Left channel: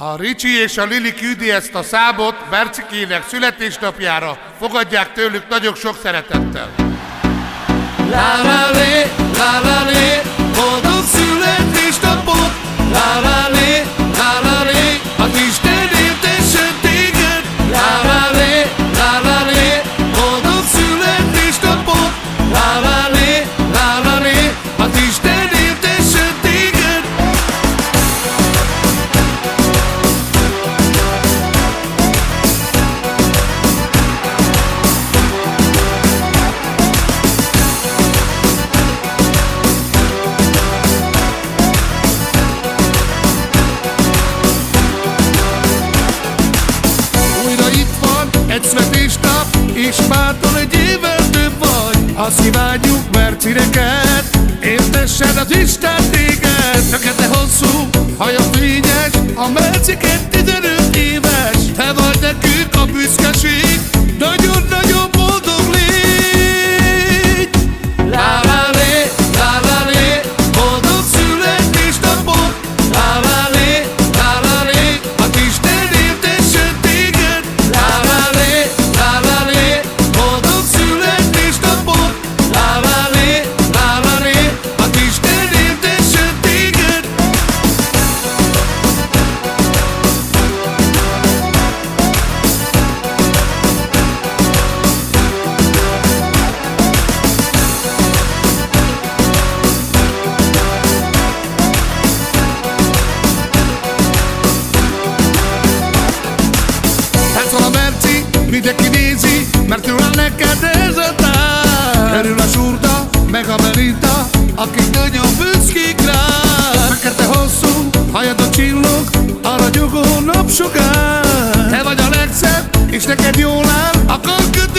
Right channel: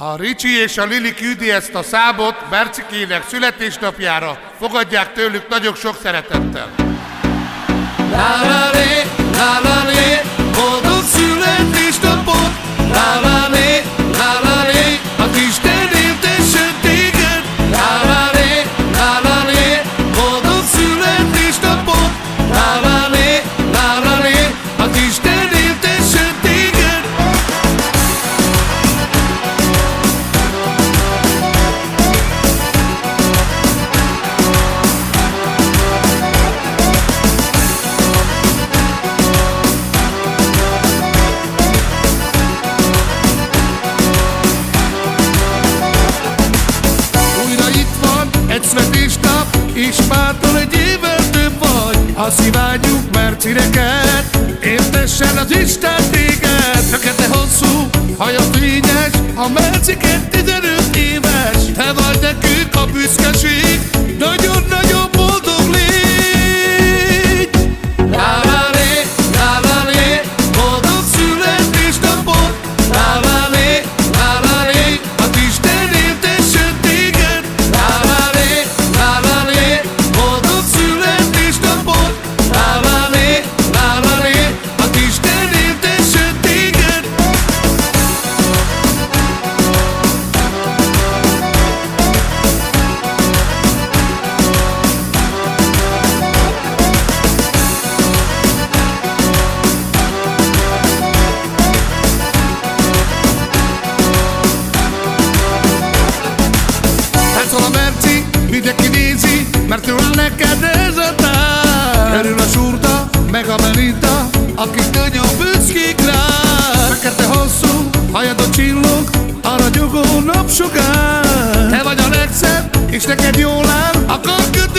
A Ricsi és a Lili küldi ezt a számot Bercikének születésnapjára. Fogadják tőlük nagyon sok szeretettel. Lálálé, lálálé, boldog születésnapot! Lálálé, lálálé, az Isten éltessen téged! Lálálé, lálálé, boldog születésnapot! Lálálé, lálálé, az Isten éltessen téged! Egy születésnap, és mától egy évvel több vagy. Azt kívánjuk Mercineket, értessen az Isten téged. Fekete hosszú, haja fényes, a Merciket 15 éves. Te vagy nekünk a büszkeség, nagyon-nagyon boldog légy. Lálálé, lálálé, boldog születésnapot! Lálálé, lálálé, az Isten éltessen téged! Lálálé, lálálé, boldog születésnapot! Lálálé, lálálé, az Isten éltessen téged! Táncol a Merci, mindenki nézi, mert ő áll neked ez a tánc. Örül a Zsurda, meg a Belinda, akik nagyon büszkék rá. Fekete hosszú, hajadon csillog, a ragyogó napsugár. Te vagy a legszebb, és neked jól áll a karköt